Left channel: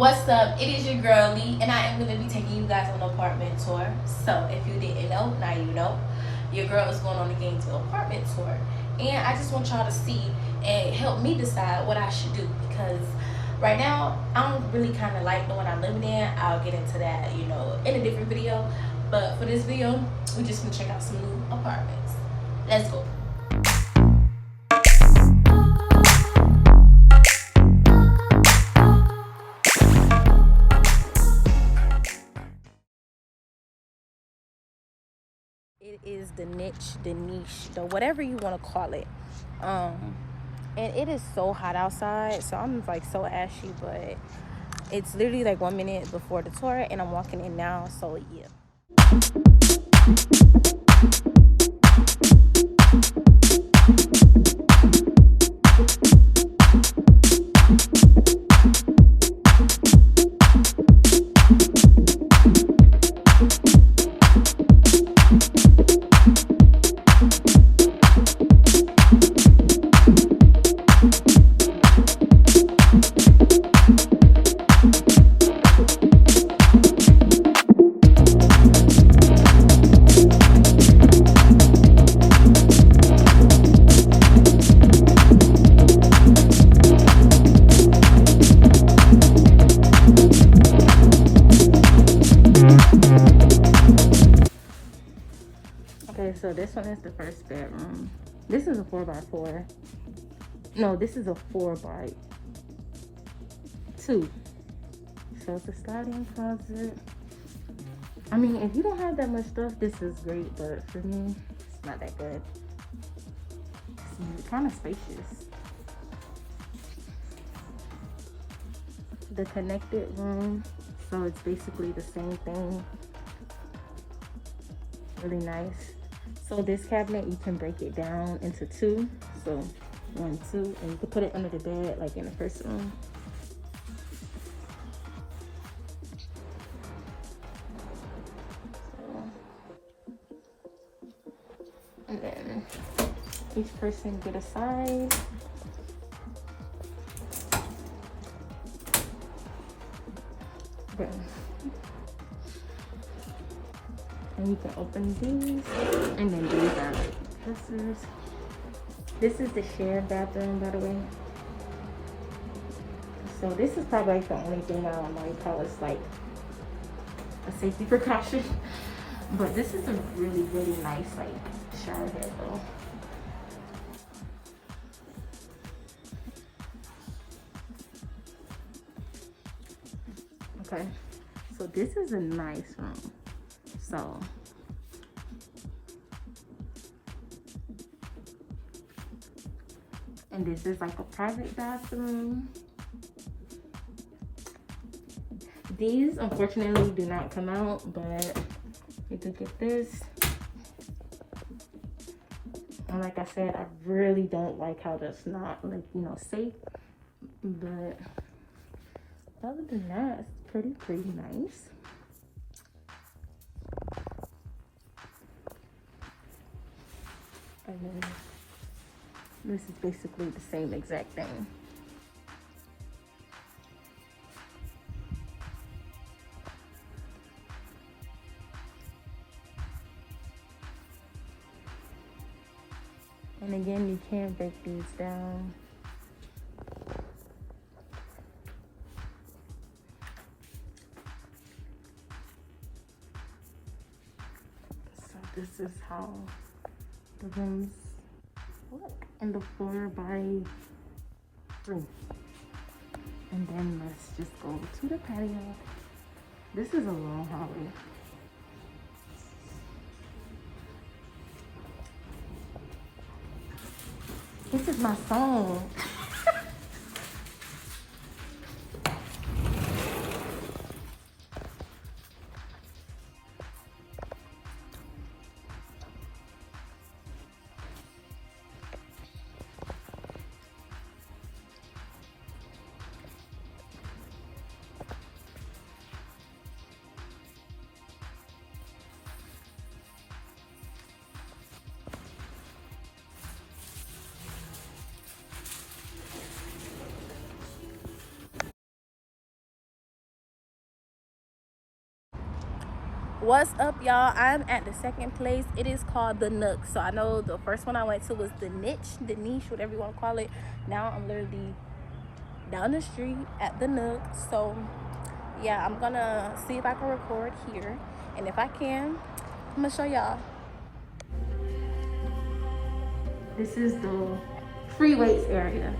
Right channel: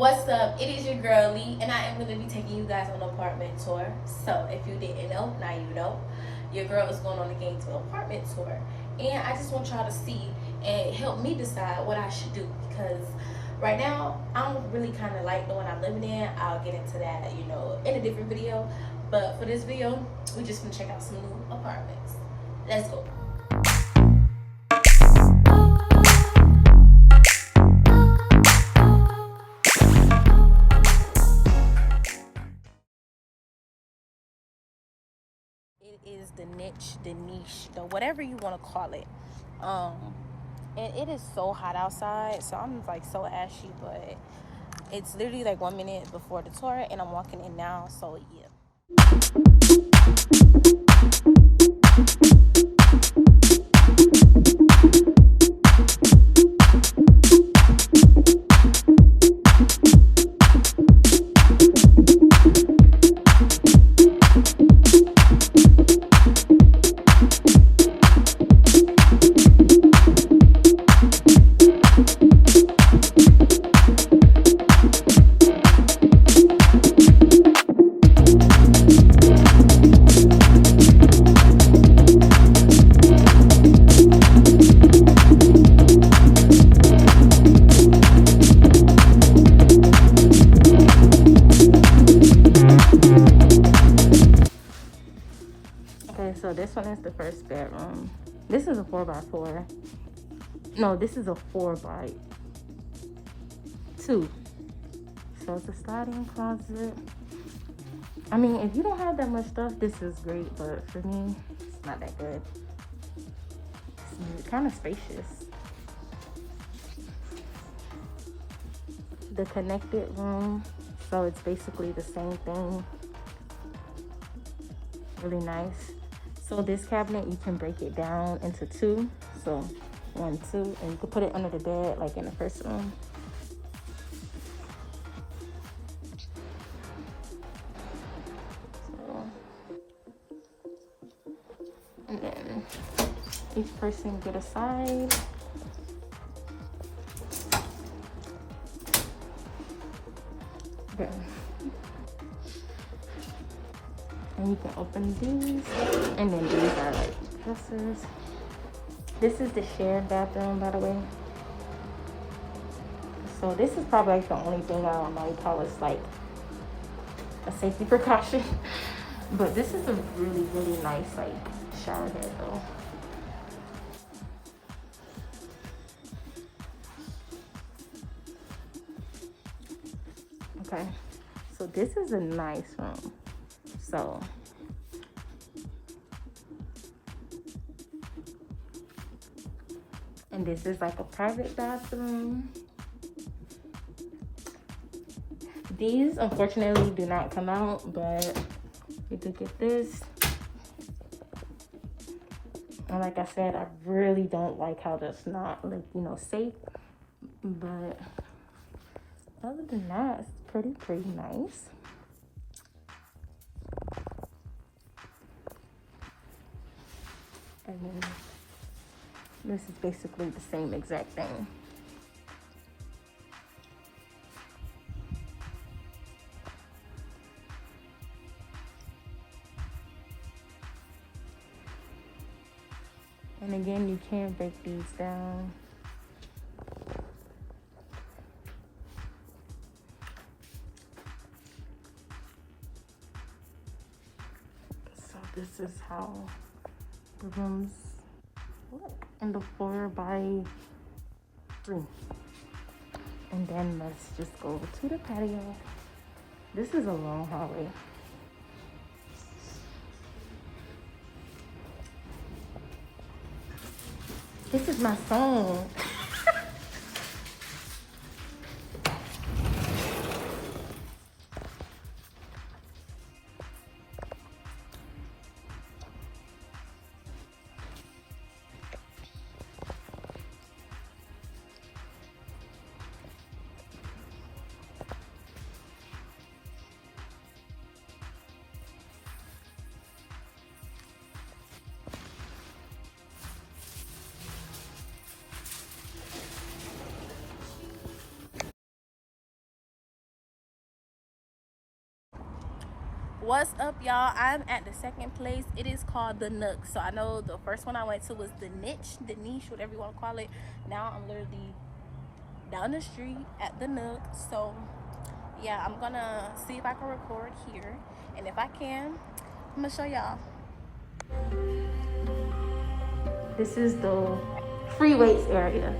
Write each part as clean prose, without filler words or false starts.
What's up? It is your girl Lee, and I am going to be taking you guys on an apartment tour. So, if you didn't know, now you know. Your girl is going on the Gainesville apartment tour, and I just want y'all to see and help me decide what I should do, because right now I don't really kind of like the one I'm living in. I'll get into that, in a different video. But for this video, we just gonna check out some new apartments. Let's go. It is the niche, the whatever you want to call it. And it is so hot outside, so I'm like so ashy, but it's literally like 1 minute before the tour, and I'm walking in now, so yeah. So this one is the first bedroom. This is a 4x4. No, this is a 4x2. So it's a sliding closet. I mean, if you don't have that much stuff, this is great, but for me, it's not that good. It's kind of spacious. The connected room, so it's basically the same thing. Really nice. So this cabinet, you can break it down into two. So 1, 2, and you can put it under the bed, like in the first room. So, and then each person get a side. Then, and you can open these, and then these are like dressers. This is the shared bathroom, by the way. So this is probably like the only thing I don't like how it's like a safety precaution. But this is a really, really nice like shower head though. Okay, so this is a nice room. So and this is like a private bathroom. These unfortunately do not come out, but you do get this. And like I said, I really don't like how that's not like, safe. But other than that, it's pretty nice. And then this is basically the same exact thing. And again, you can break these down. So this is how the rooms look in the 4x3. And then let's just go to the patio. This is a long hallway. This is my phone. What's up, y'all? I'm at the second place. It is called the Nook. So I know the first one I went to was the niche, whatever you want to call it. Now I'm literally down the street at the Nook. So yeah, I'm gonna see if I can record here, and if I can, I'm gonna show y'all. This is the free weights area.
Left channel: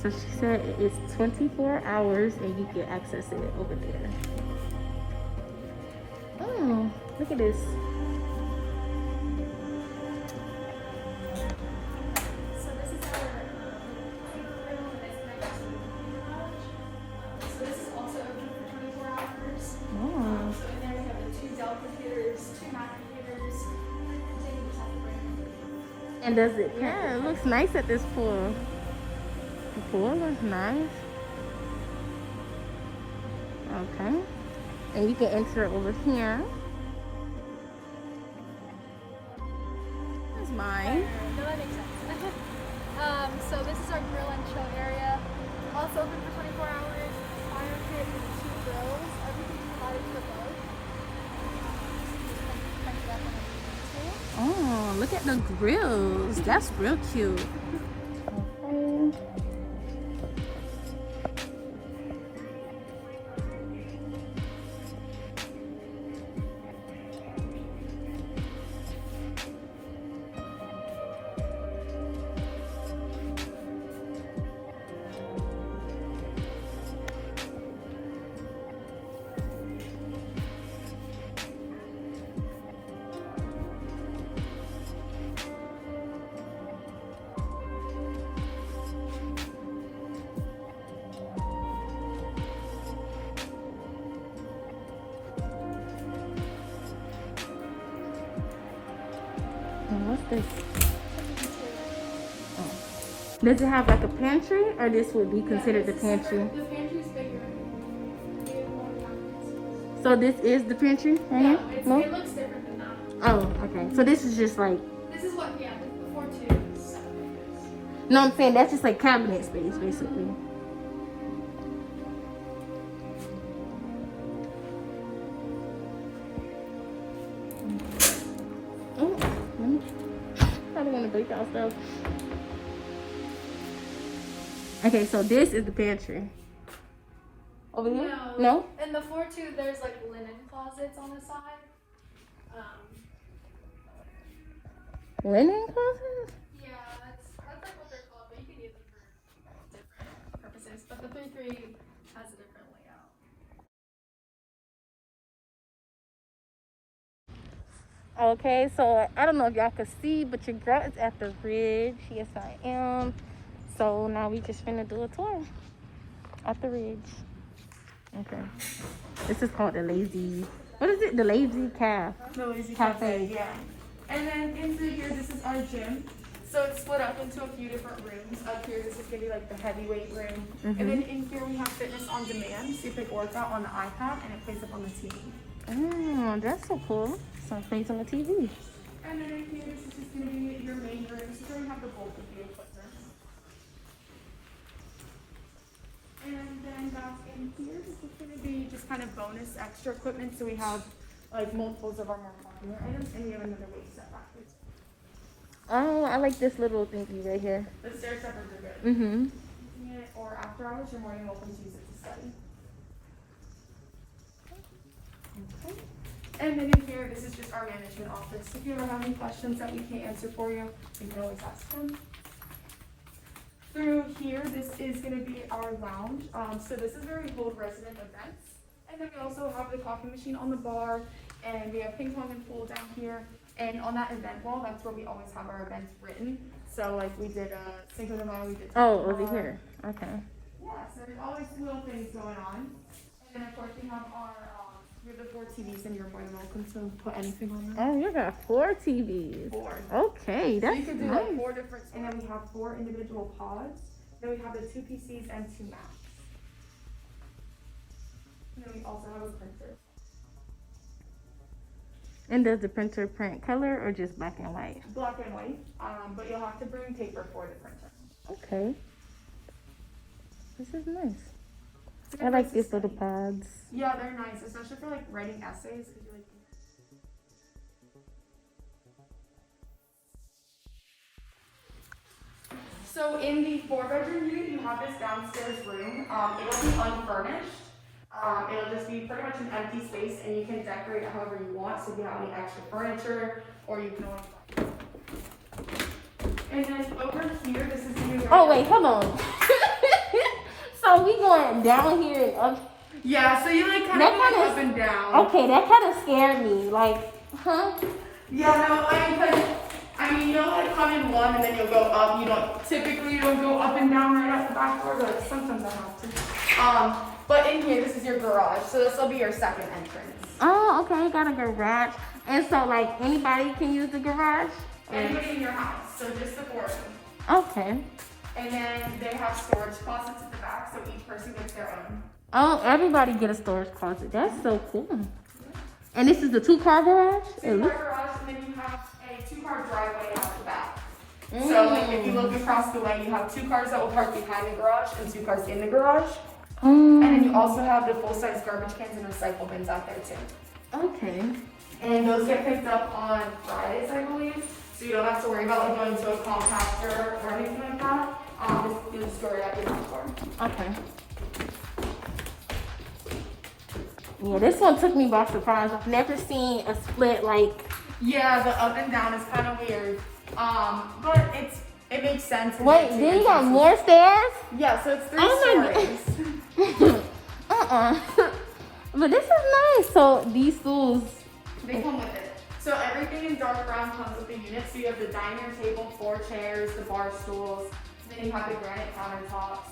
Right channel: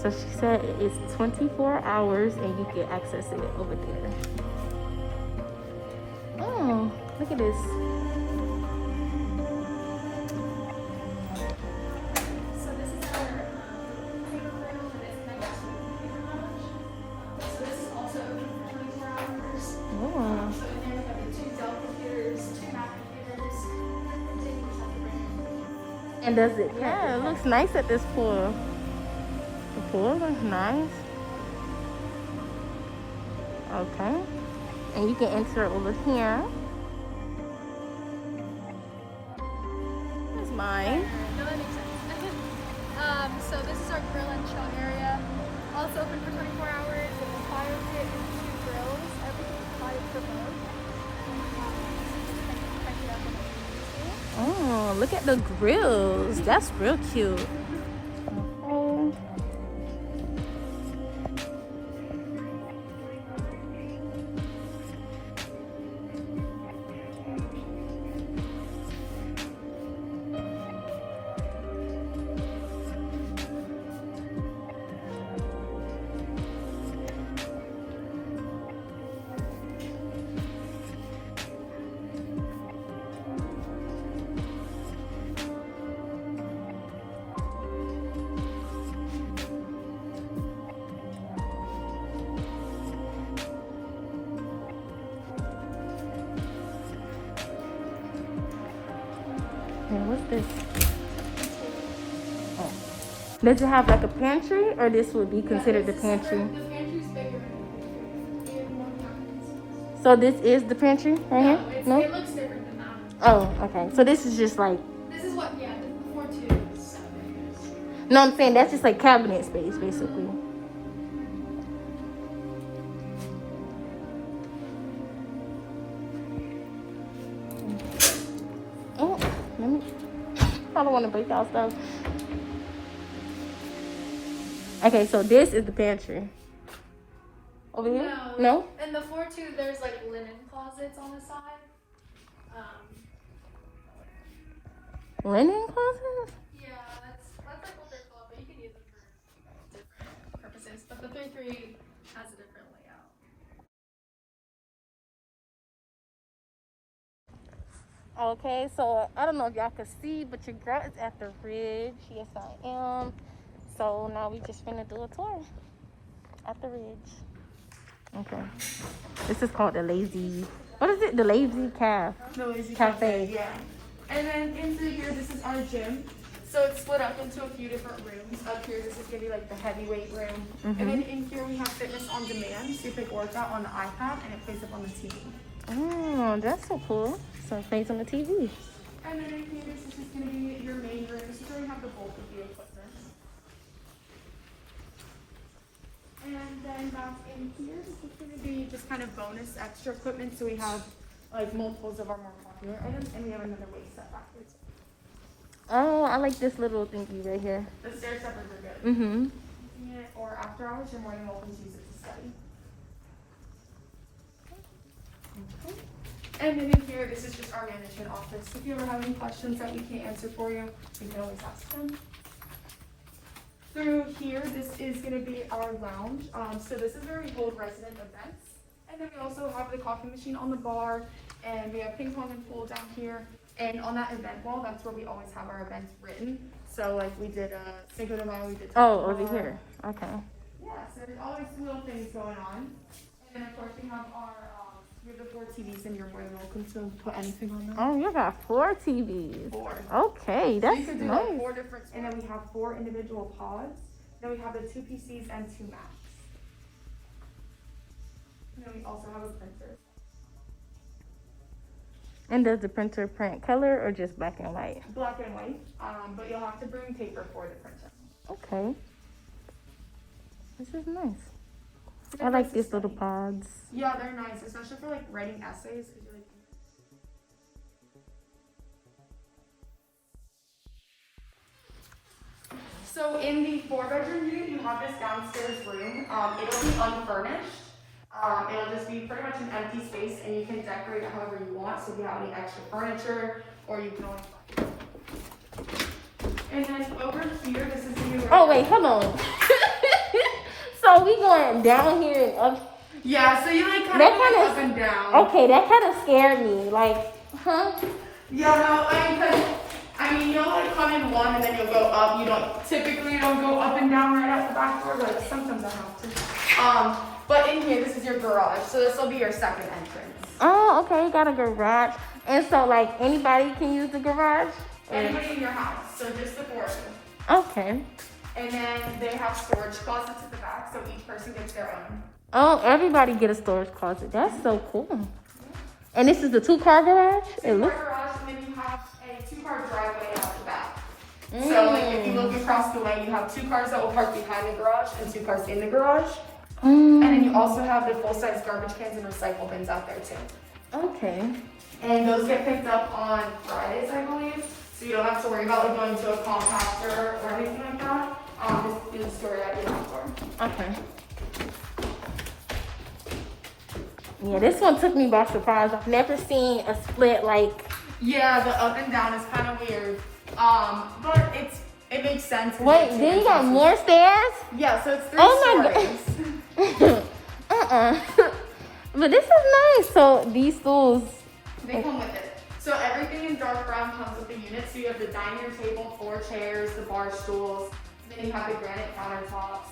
So she said it's 24 hours and you can access it over there. Oh, look at this. So this is also open for 24 hours. So in there we have the 2 Dell computers, 2 Mac computers, and does it? Yeah, it looks nice at this pool. The pool is nice. Okay. And you can enter over here. That's mine. So this is our grill and chill area. Also open for 24 hours. Fire pit. Oh, look at the grills. That's real cute. What's this? Oh. Does it have like a pantry, or this would be considered the pantry? The pantry's bigger. So this is the pantry right here? No? It looks different than that. Oh, okay. So this is just like... This is what, yeah, 4 to 7. No, I'm saying that's just like cabinet space, basically. Oh, let me... I don't want to break out stuff. Okay, so this is the pantry. Over here? No? In the 4-2, there's like linen closets on the side. Linen closets? Yeah, that's like what they're called, but you can use them for different purposes. But the 3-3 has a different layout. Okay, so I don't know if y'all can see, but your girl is at the ridge. Yes, I am. So now we just finna do a tour at the ridge. Okay. This is called the Lazy... What is it? The Lazy Calf. The Lazy Cafe. Yeah. And then into here, this is our gym. So it's split up into a few different rooms. Up here, this is going to be like the heavyweight room. And then in here, we have fitness on demand. So you pick workout on the iPad and it plays up on the TV. Oh, that's so cool. So it plays on the TV. And then in here, this is just going to be your main room. This is where we have the bulk of the equipment. And then back in here, it's going to be just kind of bonus extra equipment. So we have like multiples of our more popular items, and we have another weight set backwards. Oh, I like this little thingy right here. The stair steppers are good. Mm-hmm. Or after hours, you're more than welcome to use it to study. And then in here, this is just our management office. If you ever have any questions that we can't answer for you, you can always ask them. Through here, this is going to be our lounge. So this is where we hold resident events. And then we also have the coffee machine on the bar, and we have ping pong and pool down here. And on that event wall, that's where we always have our events written. So like we did Cinco de Mayo, we did. Oh, over here. Okay. Yeah, so there's always little things going on. And of course we have our beautiful TVs, and you're more than welcome to put anything on them. Oh, you got 4 TVs. 4. Okay, So that's you can do nice. like 4 different, and then we have 4 individual pods. Then we have the 2 PCs and 2 Macs. And then we also have a printer. And does the printer print color or just black and white? Black and white, but you'll have to bring paper for the printer. Okay. This is nice. I like these little pods. Yeah, they're nice, especially for like writing essays. So in the 4-bedroom view, you have this downstairs room. It will be unfurnished. It'll just be pretty much an empty space, and you can decorate it however you want. So if you have any extra furniture, or you can. And then over here, this is the view. Oh wait, come on. So we going down here. Yeah, so you like kind of go up and down. Okay, that kind of scared me. Like, huh? Yeah, no, I mean, you'll like come in one and then you'll go up. You don't go up and down right off the back door, but sometimes you have to. But in here, this is your garage, so this will be your second entrance. Oh, okay, you got a garage. And so, like, anybody can use the garage? Anybody in your house, so just the 4 of them. Okay. And then they have storage closets at the back, so each person gets their own. Oh, everybody get a storage closet. That's so cool. And this is the 2-car garage? 2-car garage, and then you have a 2-car driveway out the back. So like if you look across the way, you have 2 cars that will park behind the garage and 2 cars in the garage. And then you also have the full-size garbage cans and recycle bins out there too. Okay. And those get picked up on Fridays, I believe. So you don't have to worry about like going to a compactor or anything like that. Just you store it at the door. Okay. Yeah, this one took me by surprise. I've never seen a split like. Yeah, the up and down is kind of weird. But it makes sense. Wait, then you got more stairs? Yeah, so it's 3 stories. But this is nice. So these stools. They come with it. So everything in dark brown comes with the unit. So you have the dining table, 4 chairs, the bar stools. Then you have the granite countertops.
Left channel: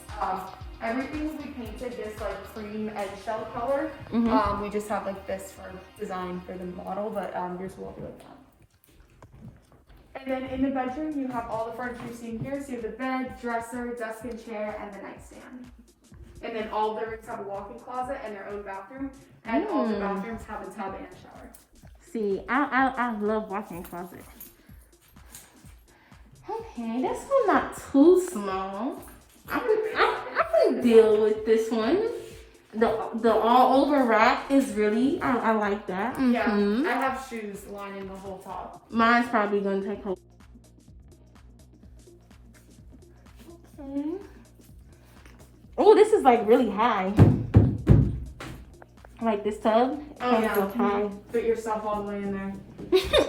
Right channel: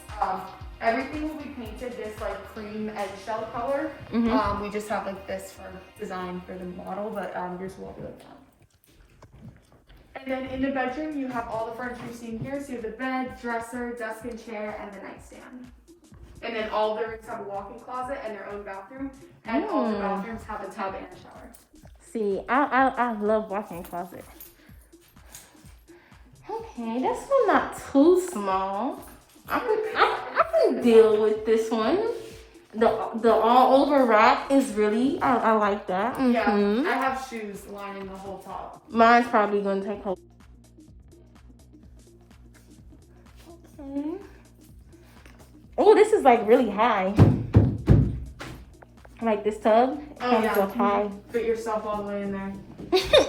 Everything will be painted this like cream eggshell color. Mm-hmm. We just have like this for design for the model, but yours will be like that. And then in the bedroom, you have all the furniture you see in here. So you have the bed, dresser, desk and chair, and the nightstand. And then all the rooms have a walk-in closet and their own bathroom. And all the bathrooms have a tub and a shower. See, I love walk-in closet. Okay, this one not too small. I can deal with this one. The all over rack is really I like that. Yeah, I have shoes lining the whole top. Mine's probably gonna take hold. Oh, this is like really high. Like this tub. Oh yeah, so high. Put yourself all the way in there.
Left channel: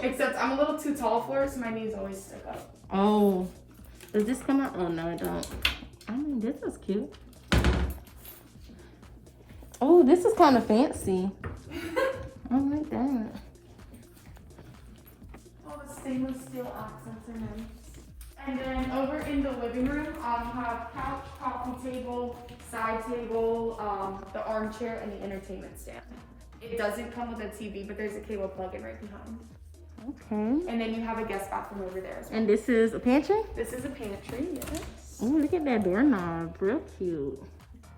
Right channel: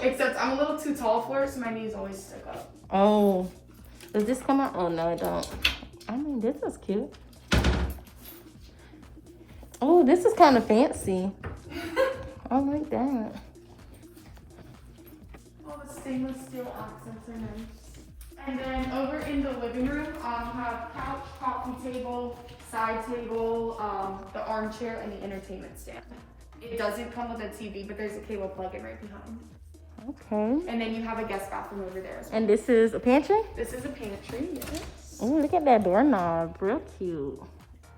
Except I'm a little too tall for it, so my knees always stick up. Oh, does this come out? Oh no, it don't. I mean, this is cute. Oh, this is kind of fancy. I like that. All the stainless steel accents are nice. And then over in the living room, you have couch, coffee table, side table, the armchair, and the entertainment stand. It doesn't come with a TV, but there's a cable plug-in right behind. Okay. And then you have a guest bathroom over there as well. And this is a pantry? This is a pantry, yes. Oh, look at that doorknob. Real cute.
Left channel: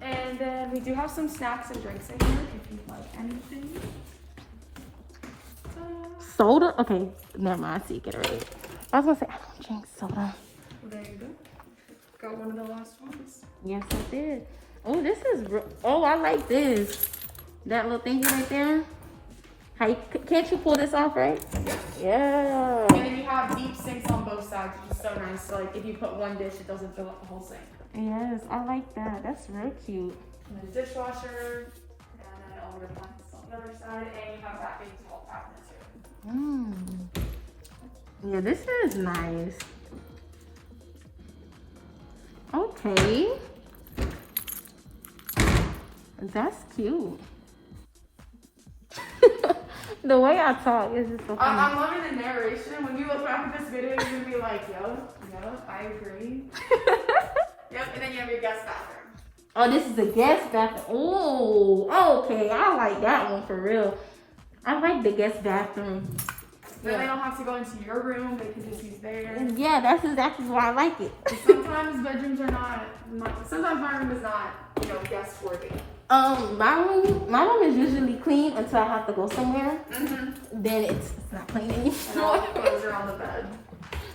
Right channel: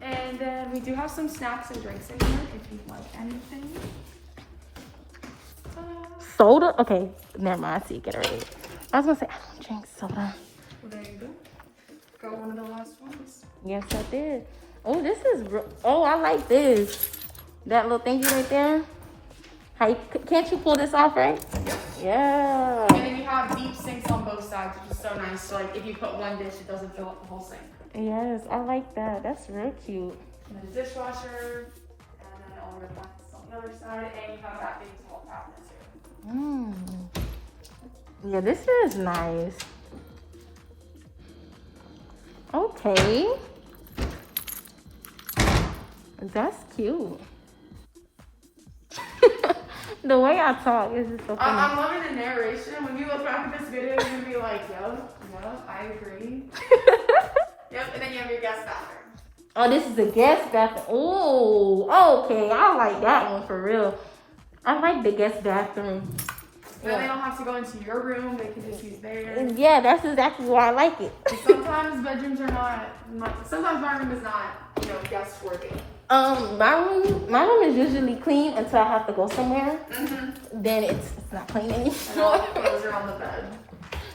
And then we do have some snacks and drinks in here if you like anything. Soda? Okay, never mind. I see, get it right. I was gonna say, I don't drink soda. Well, there you go. Got one of the last ones. Yes, I did. Oh, this is oh, I like this. That little thingy right there. How can't you pull this off, right? Yeah. And then you have deep sinks on both sides, which is so nice. So like if you put one dish, it doesn't fill up the whole sink. Yes, I like that. That's real cute. And the dishwasher, and then all your appliances on the other side, and you have that big tall cabinet too. Yeah, this is nice. Okay. That's cute. The way I talk is just so funny. I'm loving the narration. When you look back at this video, you're gonna be like, yo, I agree. Yep, and then you have your guest bathroom. Oh, this is a guest bathroom. Oh, okay. I like that one for real. I like the guest bathroom. Yeah. They don't have to go into your room. They can just use theirs. Yeah, that's exactly why I like it. Sometimes bedrooms are not sometimes my room is not, guest worthy. My room is usually clean until I have to go somewhere. Then it's not clean anymore. And all the clothes are on the bed.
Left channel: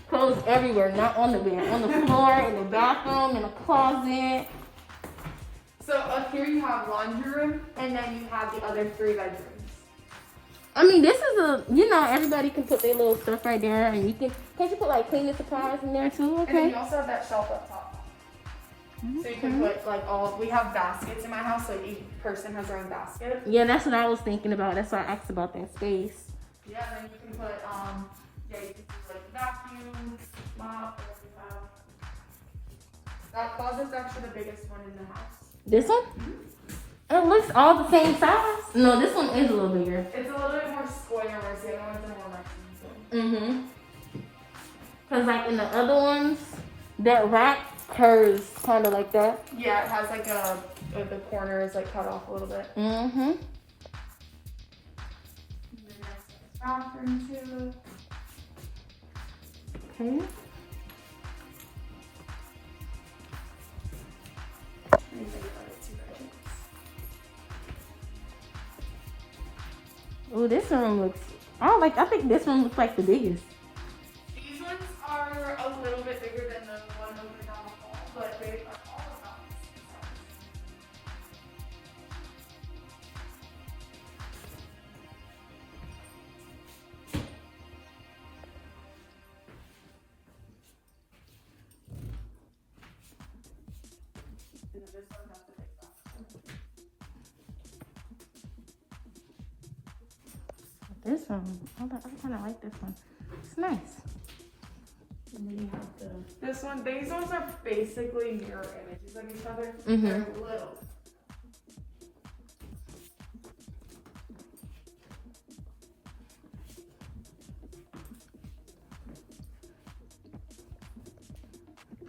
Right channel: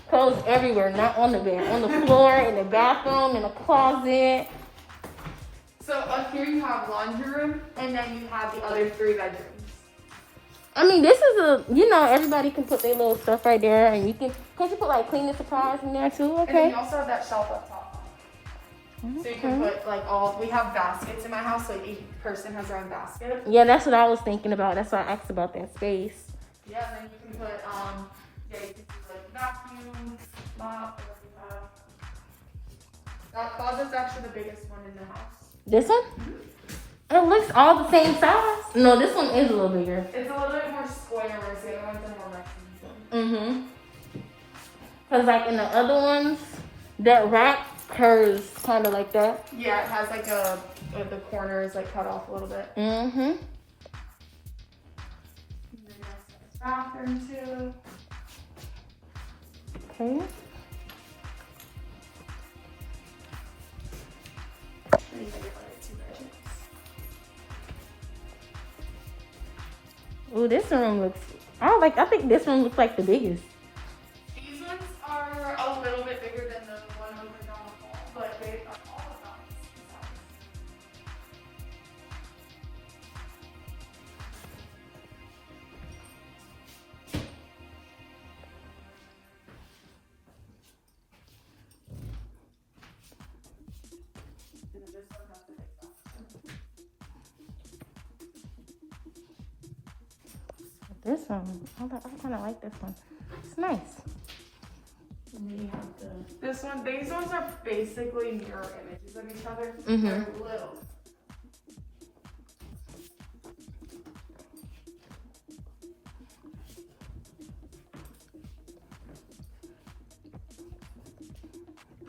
Clothes everywhere, not on the bed, on the floor, in the bathroom, in the closet. So up here you have laundry room, and then you have the other 3 bedrooms. I mean, this is a, you know, everybody can put their little stuff right there, and you can you put like cleaning supplies in there too? And then Okay. you also have that shelf up top. So you can put like we have baskets in my house, so each person has their own basket. Yeah, that's what I was thinking about. That's why I asked about that space. Yeah, and then you can put you can put like vacuum, mop, whatever you have. That closet's actually the biggest one in the house. This one? It looks all the same size. No, this one is a little bigger. It's a little bit more square, whereas the other ones are more rectangular. Cause like in the other ones, that rack curves kind of like that. Yeah, it has like the corners like cut off a little bit. Bathroom too. Okay. Ooh, this one looks. Oh, like I think this one looks like the biggest. These ones are a little bit bigger than the one over down the hall, but they are all about This one, I kind of like this one. It's nice. And then you have this one. These ones are basically mirror images of each other. They're little.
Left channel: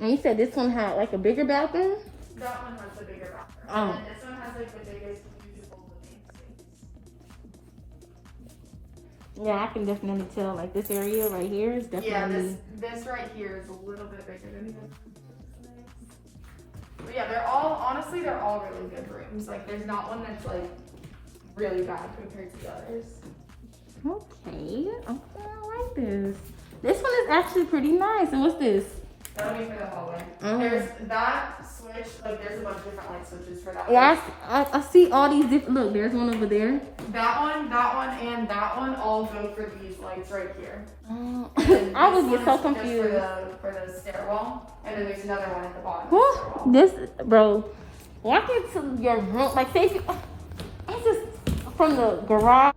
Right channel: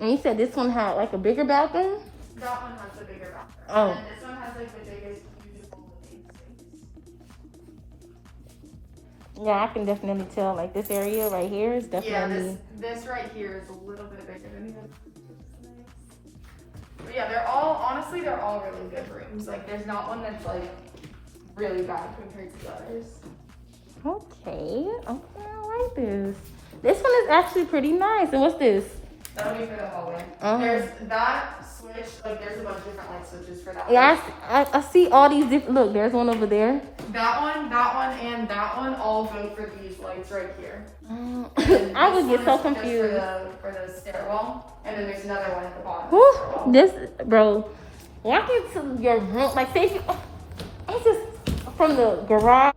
And you said this one had like a bigger bathroom? That one has a bigger bathroom. Oh. And this one has like the biggest usable living space. Yeah, I can definitely tell. Like this area right here is definitely. Yeah, this right here is a little bit bigger than this. But yeah, they're all really good rooms. Like there's not one that's like really bad compared to the others. Okay, I like this. This one is actually pretty nice. And what's this? That'll be for the hallway. There's that switch, like there's a bunch of different light switches for that. Yeah, I see all these different. Look, there's one over there. That one, and that one all go for these lights right here. I was just so Just confused. for the stairwell, and then there's another one at the bottom. Whew, this, bro, walk into your room, like, see if you, it's just from the garage.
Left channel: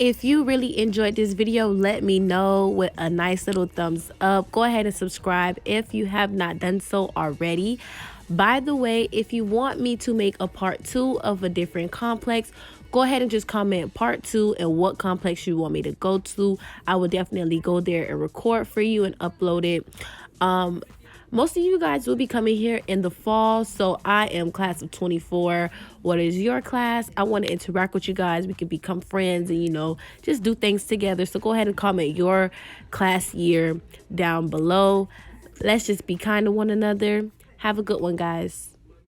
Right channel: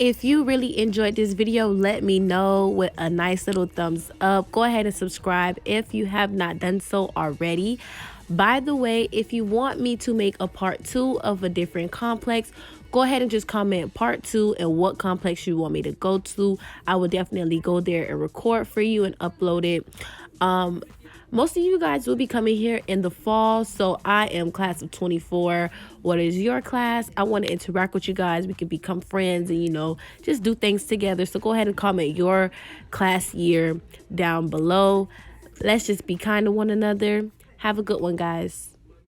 If you really enjoyed this video, let me know with a nice little thumbs up. Go ahead and subscribe if you have not done so already. By the way, if you want me to make a part 2 of a different complex, go ahead and just comment part 2 and what complex you want me to go to. I will definitely go there and record for you and upload it. Most of you guys will be coming here in the fall, so I am class of 24. What is your class? I want to interact with you guys. We can become friends and, you know, just do things together. So go ahead and comment your class year down below. Let's just be kind to one another. Have a good one, guys.